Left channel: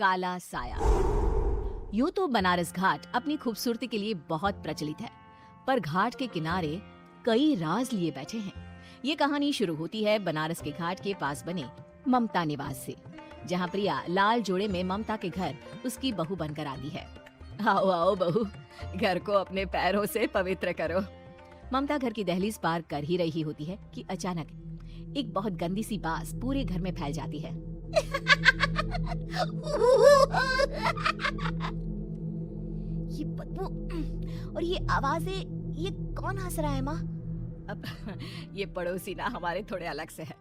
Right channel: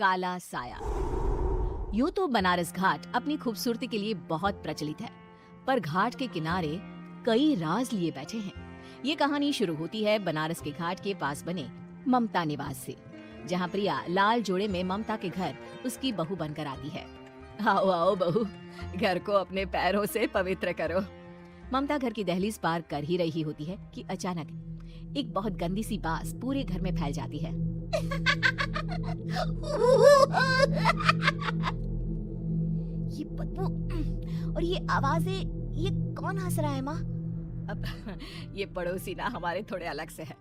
काला साया। यूं तो बनारस घाट अपनी खूबसूरती के लिए बहुत प्रचलित है, पर घाट के किनारे कई राज लिए बैठे हैं। ये कहानी शुरू होती है बनारस के घाट के पास बने ममता निवास से, जहाँ प्रिया लाल जोड़े में ममता के घर उसकी बहू बनकर आती है। आओ आओ बहू, घर को अपने पैरों से पवित्र करो। ममता घर की दहलीज पार कर ही रही होती है कि अचानक एक बहुत गंदी सी बास पूरे घर में फैल जाती है। ये बदबू और ये आवाजें, ये कौन हंस रहा है माँ? अब ये पड़ोसी ना हमारे थोड़े अलग से है।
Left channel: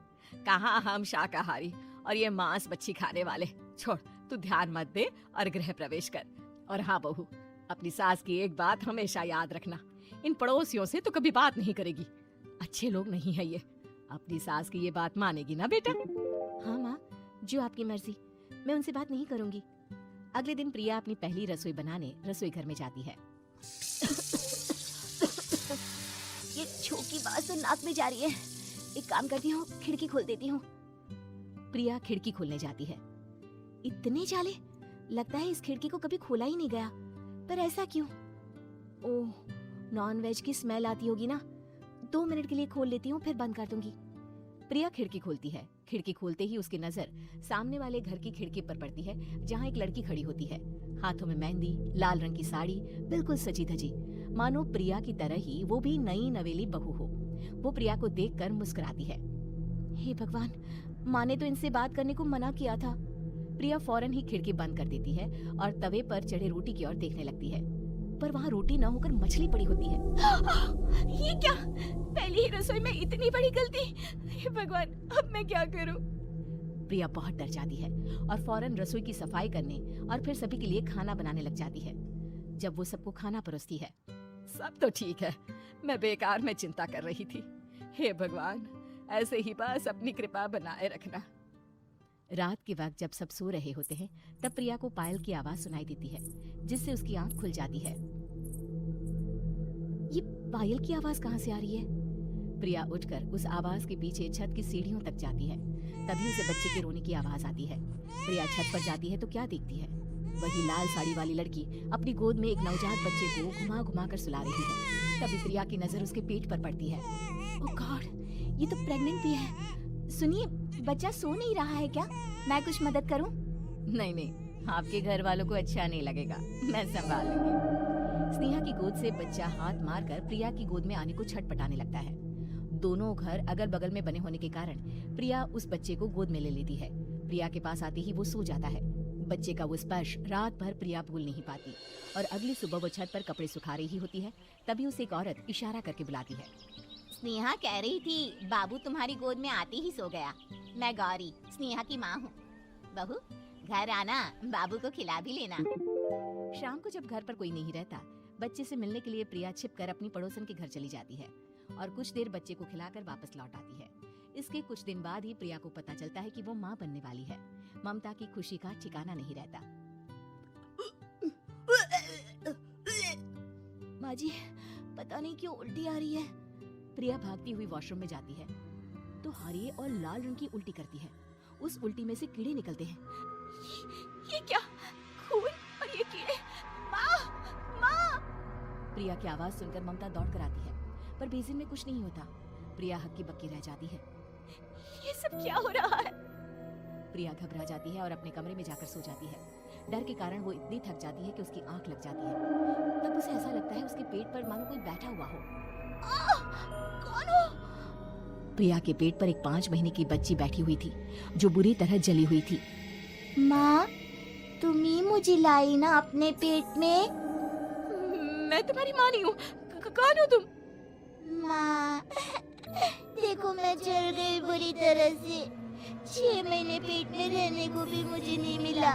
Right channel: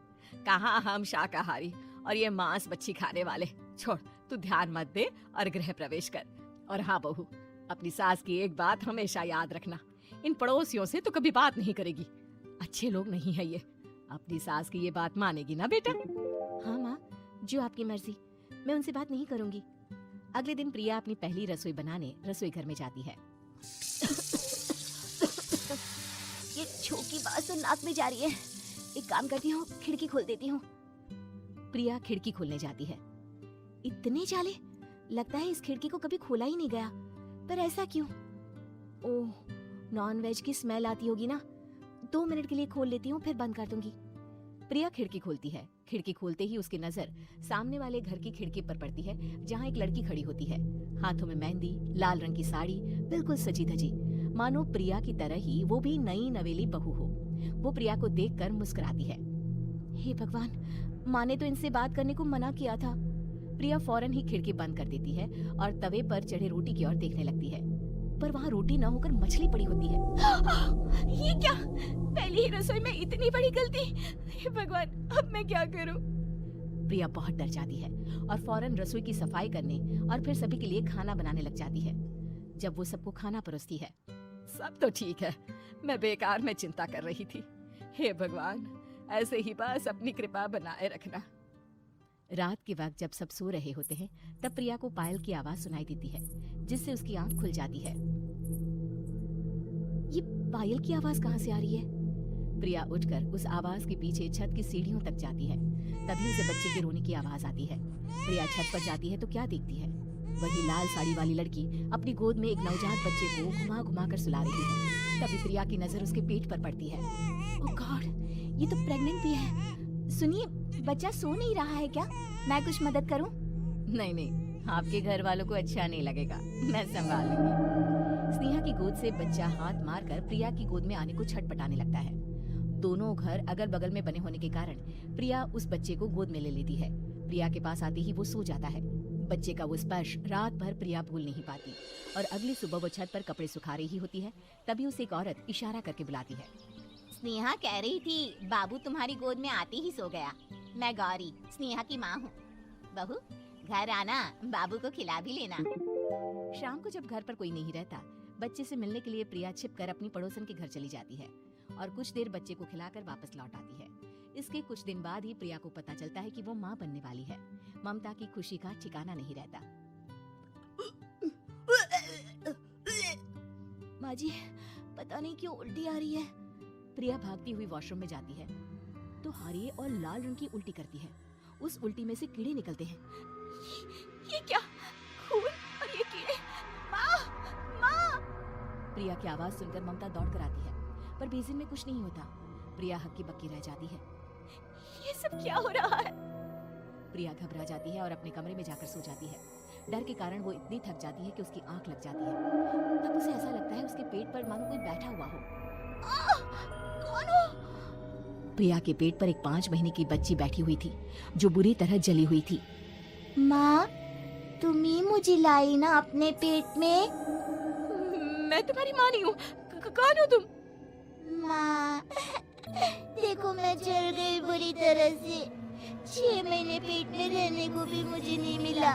कहाँ हम शाकाहारी और ये मांस मच्छी खाने वाले। छोड़, तू ध्यान मत दे और गृह प्रवेश कर। और हाँ बहू, अपनी सास की एक बात हमेशा याद रखना, इन पड़ोसियों से तो कभी बात नहीं करेगी। अच्छे लोग नहीं है ये। अपनी सास की ये बात मानेगी ना बेटे? हाँ माँ, जो आपकी मर्जी, मैं उनसे बात नहीं करूंगी। अगले दिन प्रिया अपनी पहली रसोई बनाने रसोई घर में जाती है। ये छींक की बात तो नाक में जा रही है। एक काम करती हूँ, खिड़की खोल देती हूँ। प्रिया खिड़की खोलने जाती है। इतने जाले, लगता है इस खिड़की को कभी खोला ही नहीं गया। पर ऐसा क्यों? ओह, नॉन वेज की स्मेल आती होगी ना। 2 मिनट के लिए खोल लेती हूँ, फिर बंद कर दूंगी। प्रिया खिड़की खोलती है। खिड़की खोलते ही उसकी नजर सामने वाले घर की खिड़की पर पड़ती है, जहाँ एक लड़की खड़ी होती है। हाथों में मेहंदी, लाल रंग की साड़ी, बिल्कुल सजी धजी, मानो प्रिया की तरह ही वो भी नई नवेली बहू हो। वो प्रिया को देखकर मुस्कुराती है। हे भगवान, माँ ने तो इनसे बात करने को मना किया था। प्रिया फौरन ही खिड़की बंद कर देती है और तवे पर चढ़ी रोटी की ओर देखने लगती है, पर वहाँ रोटी न होकर मछली पड़ी होती है। ये क्या? पहली ही रसोई में इतनी बड़ी गलती। हे भगवान, अब मैं क्या करूं? प्रिया बहुत डर जाती है और फौरन रसोई की सफाई करने और फिर सभी के लिए खाना बनाने लग जाती है। जब वो सबको खाना परोसती है, सब तो ठीक है, मैं बेकार में चिंता कर रही थी। हे भगवान, ऐसे ही बस अपनी कृपा बनाए रखना। रात के वक्त जब सब सो रहे होते हैं, तब प्रिया को पायल की आवाज सुनाई देती है, जिससे उसकी आंख खुल जाती है। ये पायल की आवाज कहाँ से आ रही है? प्रिया उठकर उस आवाज के पीछे छत की सीढ़ियों तक जाती है। तभी उसे बच्चे के रोने की आवाज आती है। प्रिया छत पर जाती है तो क्या देखती है? वही लाल साड़ी वाली लड़की अपनी गोद में एक नवजात बच्चे को घुमा घुमा कर सुला रही है। तभी प्रिया की नजर उसके पेट पर पड़ती है। ओह गॉड, ये तो प्रेग्नेंट भी है। सुनिए, बच्चा सो नहीं रहा है क्या? मैं कुछ मदद करूं? नहीं नहीं, आपके घर वालों को अच्छा नहीं लगेगा, मैं संभाल लूंगी। स्नेहा की गोद से बच्चा हाथ मारकर प्रिया की गोद में आने को छटपटाने लगता है। दोनों घर अगल बगल में बने होने के कारण प्रिया उस बच्चे को गोद में ले लेती है। प्रिया के पास आते ही वो सो जाता है। बच्चे का वो स्पर्श रात भर प्रिया भूल नहीं पाती और अगली सुबह वो छत पर कपड़े सुखा रही होती है। तभी उसे एक औरत इशारा करके बुलाती है। स्नेहा कह रही थी बाबू तुम्हारी गोद में आती ही सो गया। मैं गौरी, स्नेहा की माँ हूँ। बहू, घर आना, बाबू को खिला भी लेना। शाम को जब घर पर कोई नहीं रहता, बच्चे से मिलने के लिए प्रिया छिपकर अपनी पड़ोसन के घर चली जाती है और कुछ देर बच्चे को खिलाकर वापस लौट आती है। इसके कुछ दिन बाद ही प्रिया को पता चलता है कि वो माँ बनने वाली है। ममता की खुशी का ठिकाना नहीं रहता। माँ जी, पता नहीं क्यों उल्टी आ रही है। प्रिया भागती हुई वॉशरूम में जाती है तो हरे और लाल रंग की उल्टी करती है। उस उल्टी में से कीड़े निकलते हैं। ये क्या? खून और ये कीड़े! माँ! माँ! प्रिया की आवाज सुनकर ममता दौड़कर आती है, पर बेसिन में कुछ नहीं होता। प्रिया हक्की बक्की रह जाती है। ये सब क्या हो रहा है? प्रिया घबरा जाती है और अपने कमरे में जाकर सो जाती है। डर के कारण वो इतनी थक जाती है कि उसकी आंख लग जाती है। तब उसे ऐसा लगता है उसके पेट पर मानो कोई बैठा हुआ हो। कौन हो? प्रिया के पेट पर एक 5 महीने की बच्ची बैठी हुई थी, जो बुरी तरह जली हुई थी। माँ, तुम ही मुझे लाई ना अपने पेट में? मैं तुम्हारी माँ नहीं हूँ। कौन हो तुम? माँ, देखो मैं जल गई बुरी तरह से। 6 महीने पेट में रहने को भी मुझे नहीं मिला।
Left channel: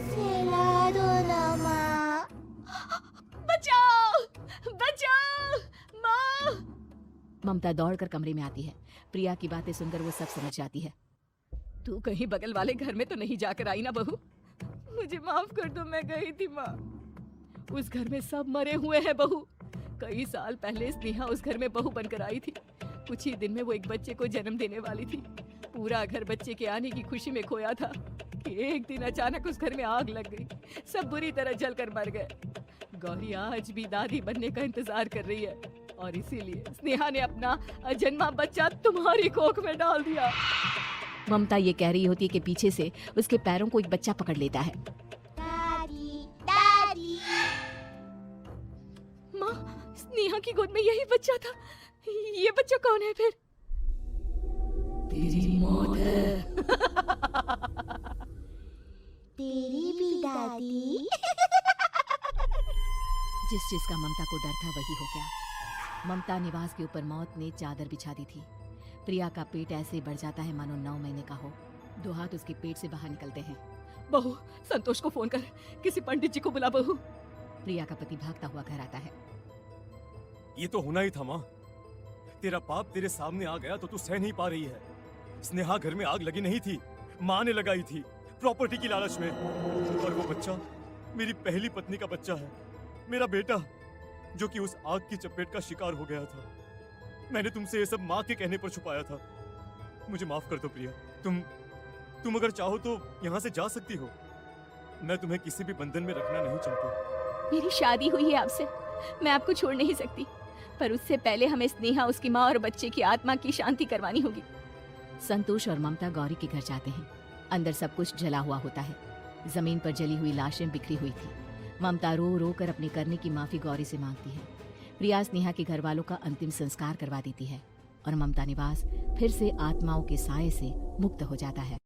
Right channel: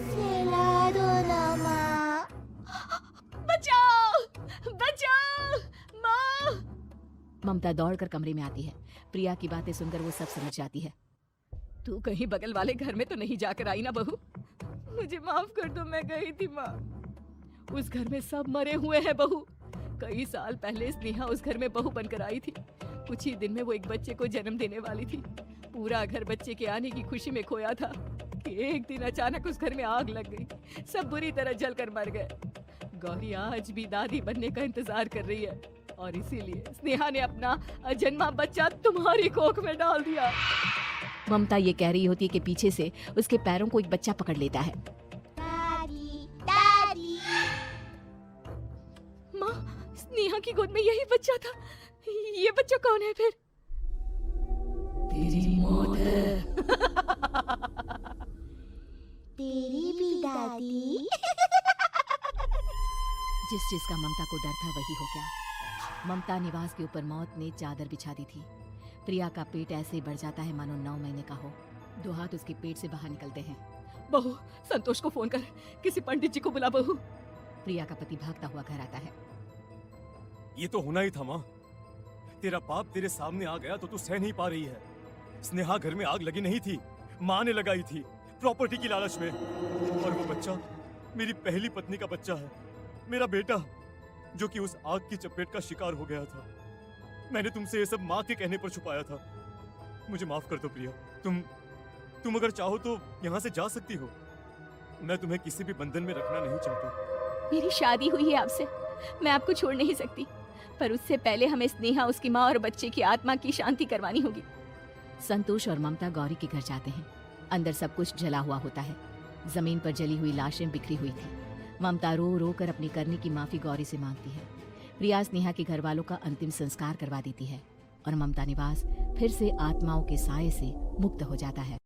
सहला दो ना माँ। बचाओ! बचाओ! माँ! ममता दौड़कर कमरे में आती है। प्रिया की बातें सुनकर वो सब समझ जाती है। तू कहीं बगल वाले घर में तो नहीं जाकर आई ना बहू? मुझे माफ कर दो, मैं गई थी माँ। उस घर में सब मरे हुए हैं बहू। कई साल पहले स्नेहा उस घर में बहू बनकर आई थी। कुछ ही दिन में वो एक बच्चे को जन्म देने वाली थी। पूरा घर बच्चे के आने की खुशी में खोया था। कि एक दिन अचानक उस घर में आग लग गई। सब बुरी तरह जलकर मर गए। गौरी आज भी दादी बनने का इंतजार कर रही है और इसीलिए स्नेहा ने अपना अजन्मा बच्चा तुम्हारी कोख में डाल दिया। ममता ये कह रही होती है कि पीछे से उसके पैरों को एक बच्चा पकड़ लेता है। दादी, दादी। माँ, स्नेहा की गोद में यही बच्चा था। ये बच्चा कौन है फिर? तेरी मौत तेरी भी दादी। जिस चीज का ममता को डर था वही हो गया। ममता निवास के ऊपर मौत ने चादर बिछा दी थी। प्रिया का पेट ऐसे बढ़ जाता है मानो 9 महीने का हो। 2 हाथ उसके पेट से बाहर निकलते हैं। बहू, संतोष को फोन कर, किसी पंडित जी को बुला बहू। प्रिया का पति भागता हुआ घर आता है। ये तो होना ही था माँ। तेरा बाप तेरे सामने आ गया तो तू सह नहीं पा रही है। स्नेहा घर में आग लगी नहीं थी, माँ ने लगाई थी प्रॉपर्टी की लालच में। और वो बच्चा मेरी पहली पत्नी का बच्चा है, मेरा बेटा, जो कि उस आग की चपेट का शिकार हो गया था। मैंने तुमसे ये सब माँ के कहने पर छुपाया था। मुझे माफ कर दो प्रिया। तुम अगर चाहो तो यहाँ से जा सकती हो। मैं तुम्हें किसी भी बंधन में रखना नहीं चाहता। मेरी शादी हुई है आपसे, मैं आपको छोड़ नहीं सकती, पर उससे पहले हमें स्नेहा, उसकी माँ और बच्चे की आत्मा की शांति करवानी होगी। संतोष और ममता गौरी के घर जाते हैं। अंदर सब कुछ जला हुआ होता है। जमीन पर जली हुई लाशें बिखरी हुई थी। ममता रो रो कर अपने करने की माफी गौरी से मांगती है। प्रिया स्नेहा के घर वालों का अंतिम संस्कार करवा देती है और ममता निवास फिर से आत्माओं के साए से मुक्त हो जाता है।